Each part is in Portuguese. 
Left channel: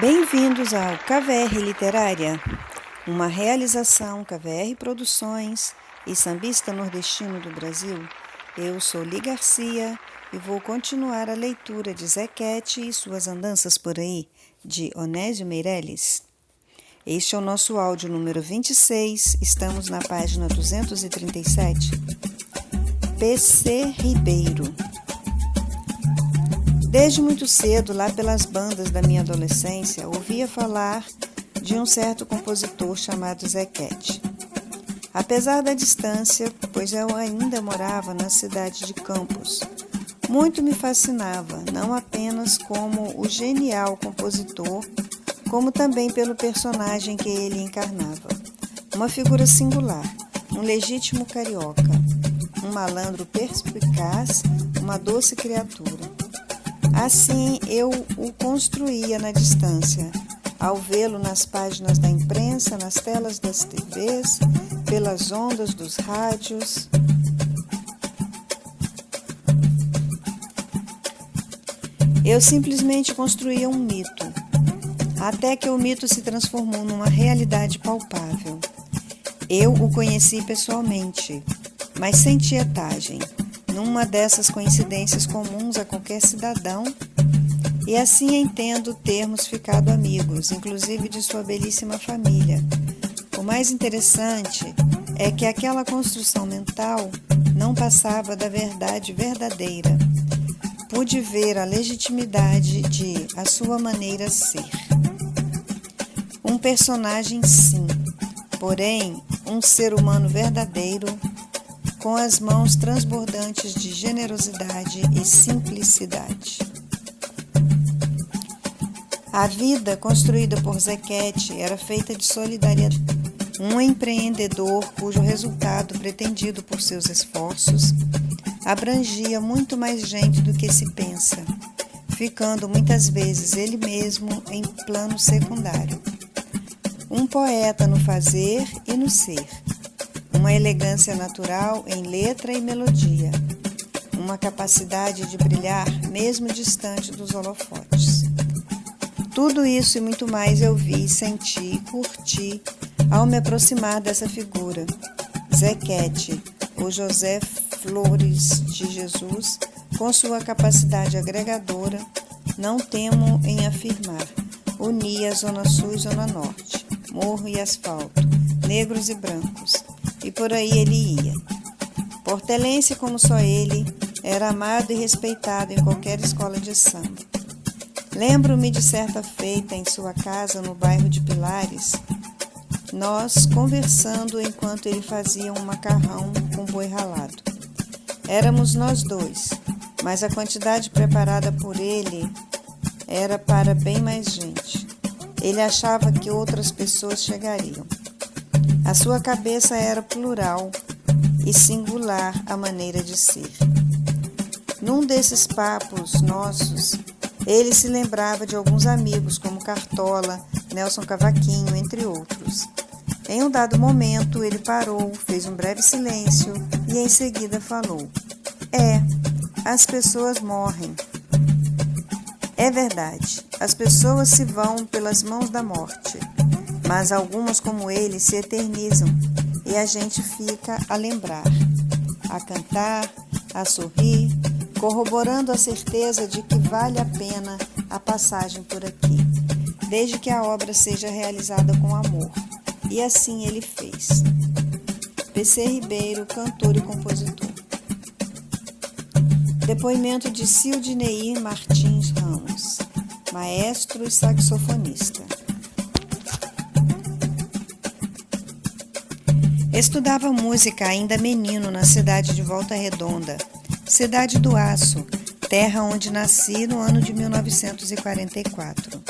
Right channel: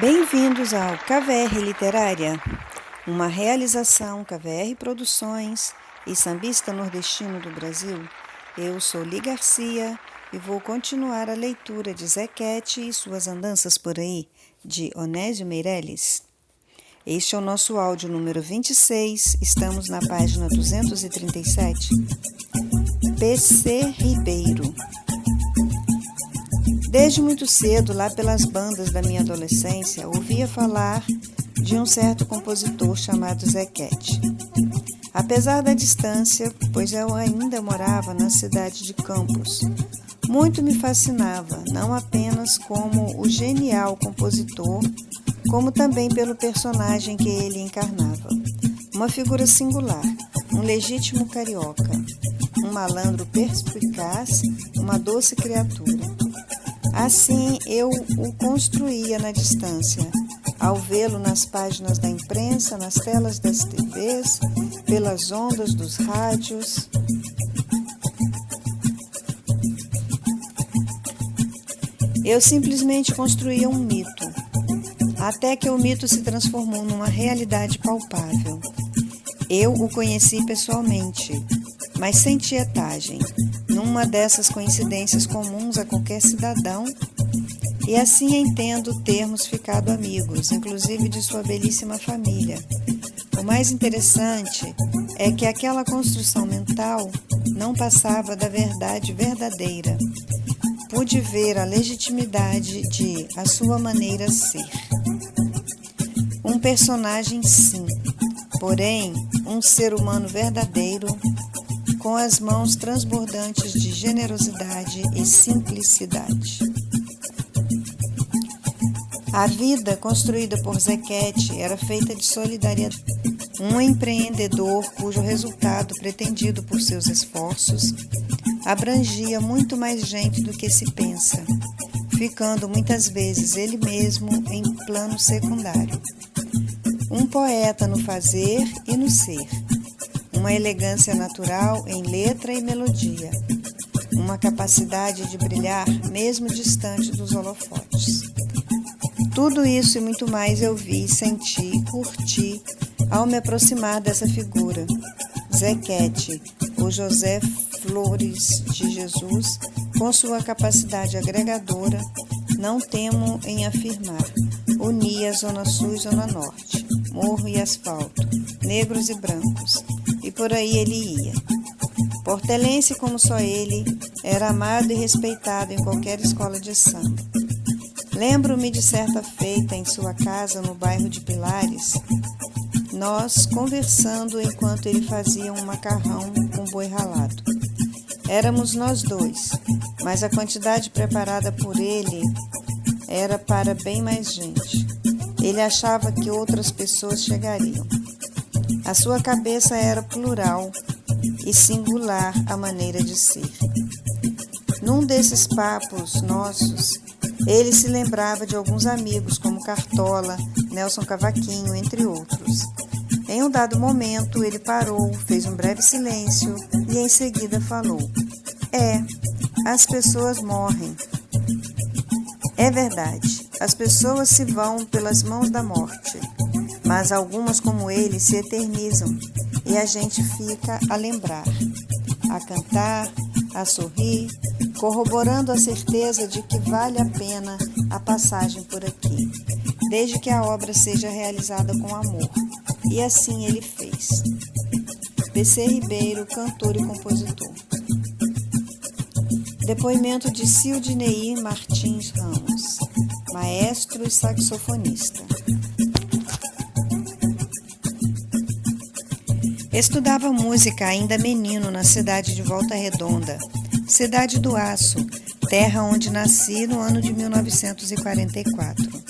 Bem-vindos ao KVR Literária, uma realização KVR Produções e Sambista Nordestino do Brasil. Eu sou Li Garcia e vou continuar a leitura de Zequete e Suas Andanças por Aí, de Onésio Meireles. Este é o nosso áudio número 26, estamos na página 237. PC Ribeiro. Desde muito cedo, lá pelas bandas da minha adolescência, ouvia falar de um certo compositor chamado Zequete. Apesar da distância, pois eu ainda morava na cidade de Campos, muito me fascinava, não apenas como o genial compositor, como também pelo personagem que ele encarnava. Uma figura singular, um legítimo carioca, um malandro perspicaz, uma doce criatura. Assim eu o construía na distância, ao vê-lo nas páginas da imprensa, nas telas das TVs, pelas ondas dos rádios. Eu simplesmente construía um mito, até que o mito se transformou numa realidade palpável. Eu o conheci pessoalmente, mas sem tietagem, numa dessas coincidências comuns a qualquer cidadão, e assim entendo termos ficado amigos, inclusive de sua belíssima família. O mais interessante é que aquela construção mental não passava da verdade verdadeira. Pude ver a legitimidade de a sua maneira ser. Um personagem, sim, porém, um ser humano verdadeiro, com as mãos transbordantes de generosidade e simplicidade. A vida construída por Zequete era feita de solidariedade. Um empreendedor cujo resultado pretendido por seus esforços abrangia muito mais gente do que se pensa, ficando muitas vezes ele mesmo em plano secundário. Um poeta no fazer e no ser. Uma elegância natural em letra e melodia, uma capacidade de brilhar mesmo distante dos holofotes. Tudo isso e muito mais eu vi, senti e curti ao me aproximar dessa figura, Zequete, ou José Flores de Jesus, com sua capacidade agregadora, não temo em afirmar, unia Zona Sul e Zona Norte, morro e asfalto, negros e brancos, e por aí ele ia. Portelense como só ele, era amado e respeitado em qualquer escola de samba. Lembro-me de certa feita em sua casa no bairro de Pilares, nós conversando enquanto ele fazia um macarrão com boi ralado. Éramos nós dois, mas a quantidade preparada por ele era para bem mais gente. Ele achava que outras pessoas chegariam. A sua cabeça era plural e singular a maneira de ser. Num desses papos nossos, ele se lembrava de alguns amigos como Cartola, Nelson Cavaquinho, entre outros. Em um dado momento, ele parou, fez um breve silêncio e em seguida falou: as pessoas morrem. É verdade, as pessoas se vão pelas mãos da morte. Mas algumas como ele se eternizam e a gente fica a lembrar, a cantar, a sorrir, corroborando a certeza de que vale a pena a passagem por aqui, desde que a obra seja realizada com amor. E assim ele fez. PC Ribeiro, cantor e compositor. Depoimento de Cildineir Martins Ramos, maestro e saxofonista. Estudava música ainda menino na cidade de Volta Redonda, cidade do Aço, terra onde nasci no ano de 1944.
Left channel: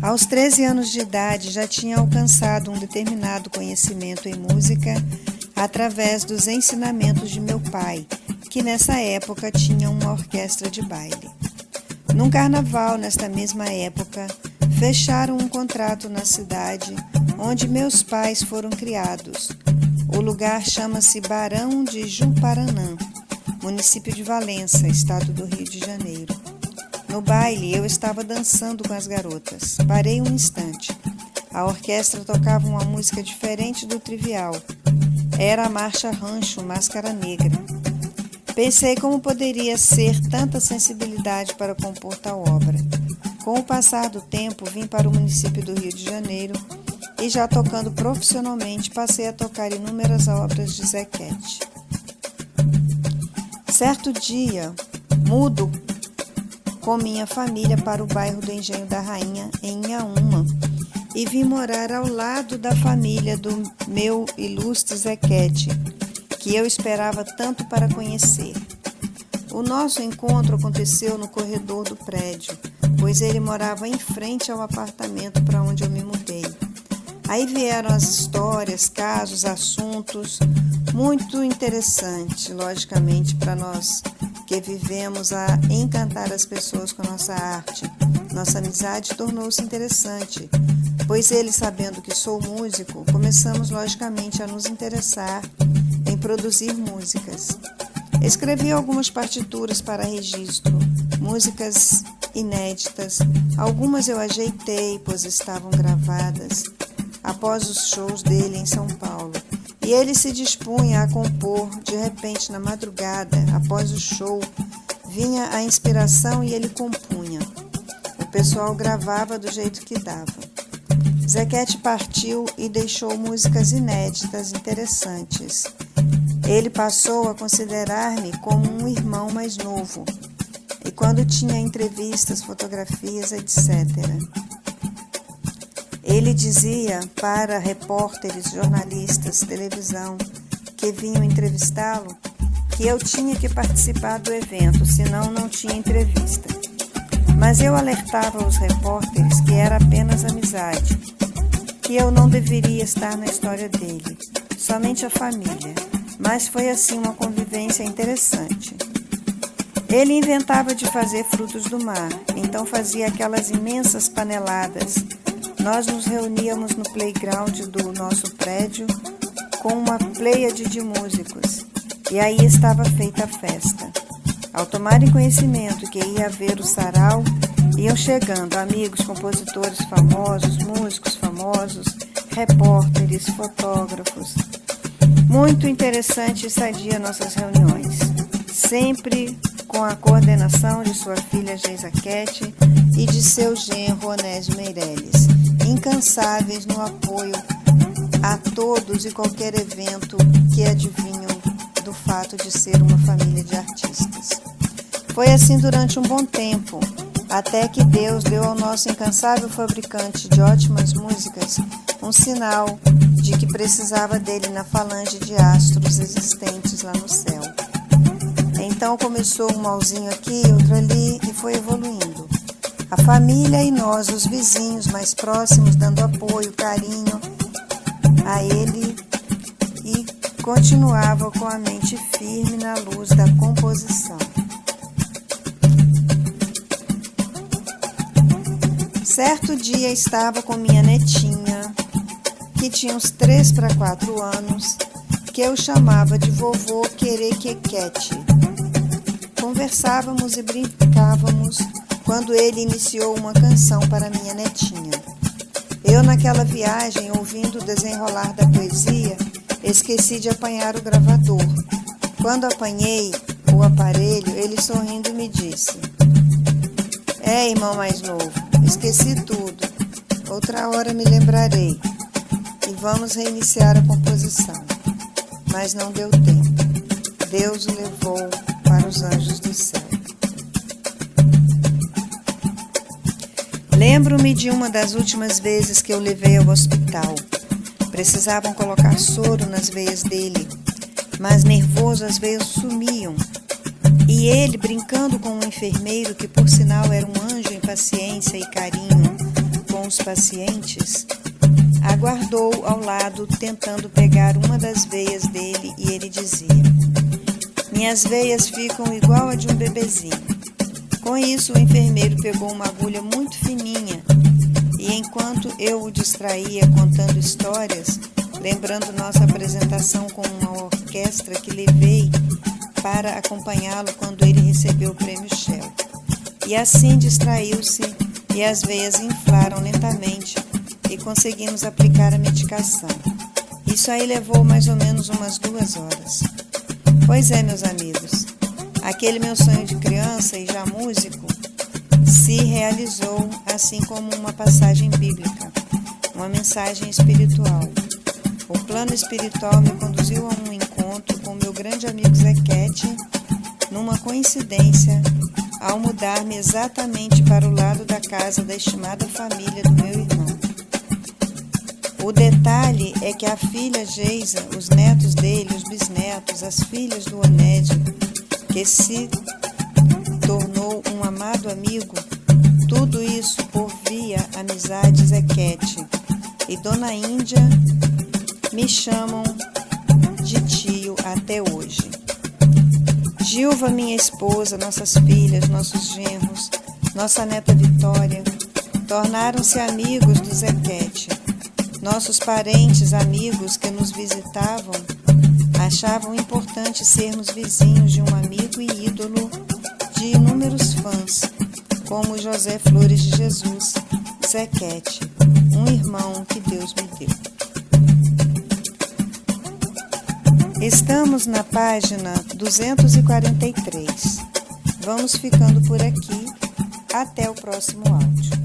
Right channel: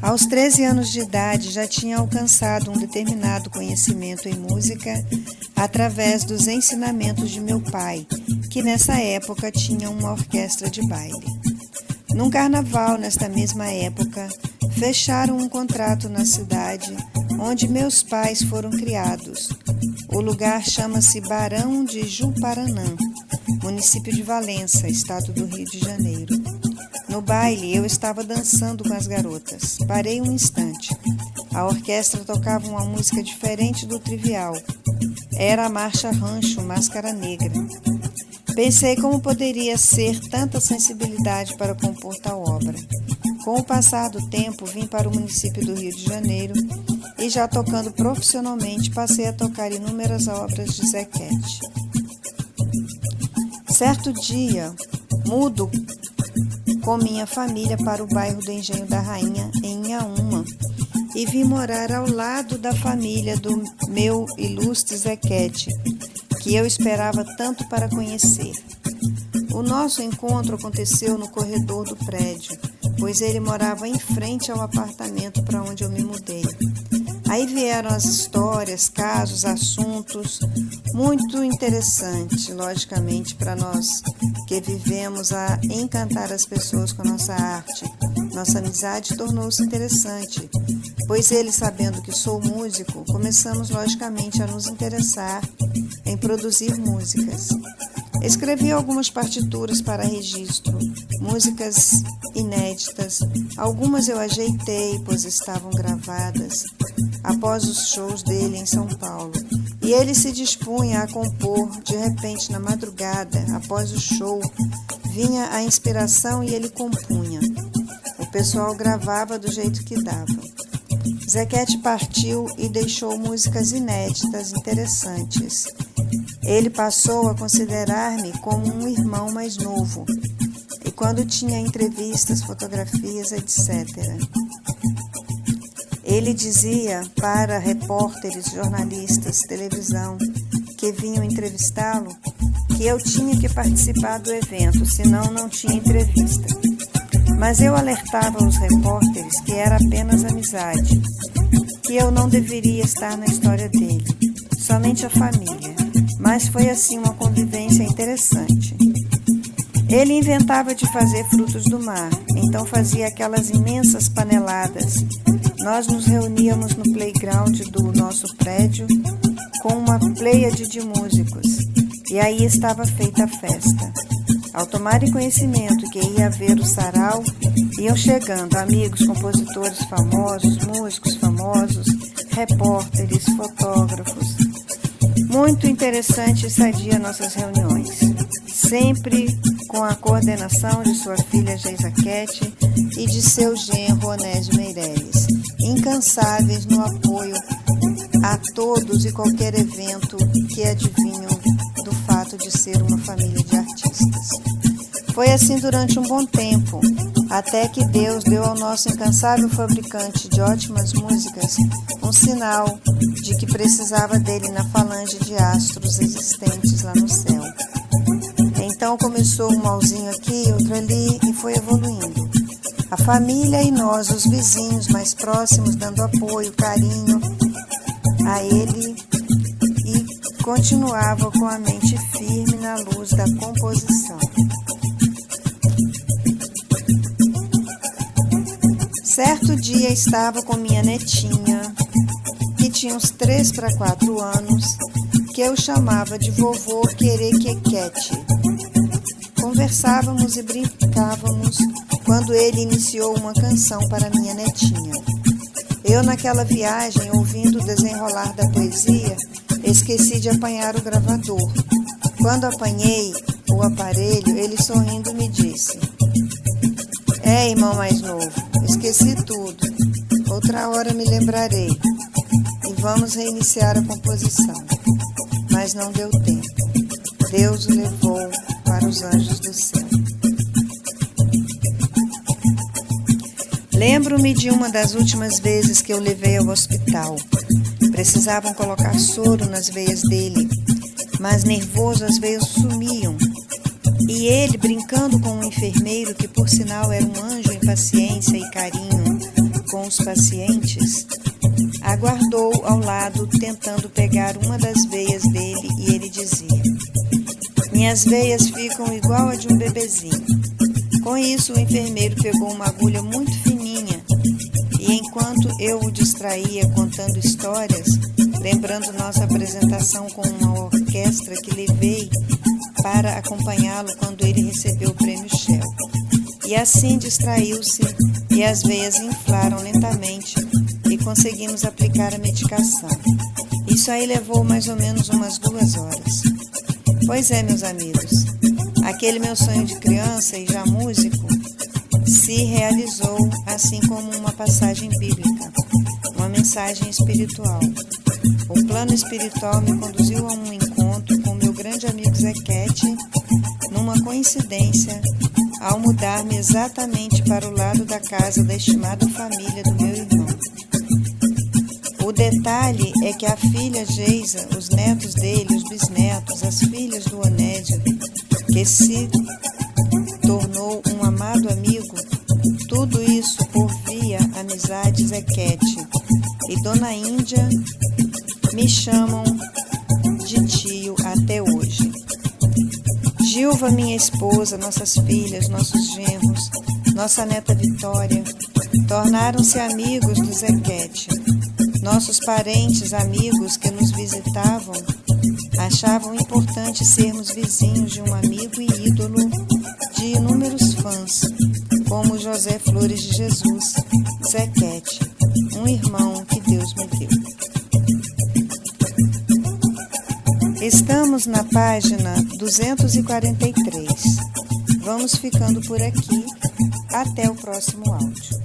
Aos 13 anos de idade já tinha alcançado um determinado conhecimento em música através dos ensinamentos de meu pai, que nessa época tinha uma orquestra de baile. Num carnaval, nesta mesma época, fecharam um contrato na cidade onde meus pais foram criados. O lugar chama-se Barão de Juparanã, município de Valença, estado do Rio de Janeiro. No No baile, eu estava dançando com as garotas. Parei um instante. A orquestra tocava uma música diferente do trivial. Era a marcha Rancho Máscara Negra. Pensei como poderia ser tanta sensibilidade para compor tal obra. Com o passar do tempo, vim para o município do Rio de Janeiro e, já tocando profissionalmente, passei a tocar inúmeras obras de Zequete. Certo dia, mudo com minha família para o bairro do Engenho da Rainha, em Inhaúma, e vim morar ao lado da família do meu ilustre Zequete, que eu esperava tanto para conhecer. O nosso encontro aconteceu no corredor do prédio, pois ele morava em frente ao apartamento para onde eu me mudei. Aí vieram as histórias, casos, assuntos, muito interessante, logicamente, para nós que vivemos a encantar as pessoas com a nossa arte. Nossa amizade tornou-se interessante, pois ele, sabendo que sou músico, começamos logicamente a nos interessar em produzir músicas. Escrevi algumas partituras para registro, músicas inéditas. Algumas eu ajeitei, pois estavam gravadas após os shows dele em São Paulo. E ele se dispunha a compor. De repente, na madrugada, após o show, vinha a inspiração e ele compunha. O pessoal gravava do jeito que dava. Zequete partiu e deixou músicas inéditas, interessantes. Ele passou a considerar-me como um irmão mais novo, e quando tinha entrevistas, fotografias, etc. Ele dizia para repórteres, jornalistas, televisão, que vinham entrevistá-lo, que eu tinha que participar do evento, senão não tinha entrevista. Mas eu alertava os repórteres que era apenas amizade, que eu não deveria estar na história dele, somente a família. Mas foi assim uma convivência interessante. Ele inventava de fazer frutos do mar, então fazia aquelas imensas paneladas. Nós nos reuníamos no playground do nosso prédio com uma pleiade de músicos, e aí estava feita a festa. Ao tomarem conhecimento que ia haver o sarau, iam chegando amigos, compositores famosos, músicos famosos, repórteres, fotógrafos. Muito interessante e sadia nossas reuniões, sempre com a coordenação de sua filha Geisakete e de seu genro Onésio Meirelles, incansáveis no apoio a todos e qualquer evento que adivinham do fato de ser uma família de artistas. Foi assim durante um bom tempo, até que Deus deu ao nosso incansável fabricante de ótimas músicas um sinal de que precisava dele na falange de astros existentes lá no céu. Então começou um malzinho aqui, outro ali, e foi evoluindo. A família e nós, os vizinhos mais próximos, dando apoio, carinho a ele, e continuava com a mente firme na luz da composição. Certo dia estava com minha netinha, que tinha uns 3 para 4 anos, que eu chamava de vovô Querequequete. Conversávamos e brincávamos quando ele iniciou uma canção para minha netinha. Eu, naquela viagem, ouvindo o desenrolar da poesia, esqueci de apanhar o gravador. Quando apanhei o aparelho, ele sorrindo me disse: irmão mais novo, esqueci tudo. Outra hora me lembrarei e vamos reiniciar a composição. Mas não deu tempo. Deus o levou para os anjos do céu. Lembro-me de uma das últimas vezes que eu levei ao hospital. Precisavam colocar soro nas veias dele, mas nervoso as veias sumiam. E ele, brincando com um enfermeiro, que por sinal era um anjo em paciência e carinho com os pacientes, aguardou ao lado tentando pegar uma das veias dele, e ele dizia: minhas veias ficam igual a de um bebezinho. Com isso, o enfermeiro pegou uma agulha muito fininha e, enquanto eu o distraía contando histórias, lembrando nossa apresentação com uma orquestra que levei para acompanhá-lo quando ele recebeu o prêmio Shell, e assim distraiu-se e as veias inflaram lentamente e conseguimos aplicar a medicação. Isso aí levou mais ou menos umas 2 horas. Pois é, meus amigos, aquele meu sonho de criança e já músico se realizou, assim como uma passagem bíblica, uma mensagem espiritual. O plano espiritual me conduziu a um encontro com meu grande amigo Zequete, numa coincidência, ao mudar-me exatamente para o lado da casa da estimada família do meu irmão. O detalhe é que a filha Geisa, os netos dele, os bisnetos, as filhas do Onédio, que se tornou um amado amigo, tudo isso por via amizade Zequete e Dona Índia me chamam de tio até hoje. Gilva, minha esposa, nossas filhas, nossos genros, nossa neta Vitória, tornaram-se amigos do Zequete. Nossos parentes, amigos que nos visitavam, achavam importante sermos vizinhos de um amigo e ídolo de inúmeros fãs, como José Flores de Jesus, Zequete, um irmão que Deus me deu. Estamos na página 243. Vamos ficando por aqui. Até o próximo áudio.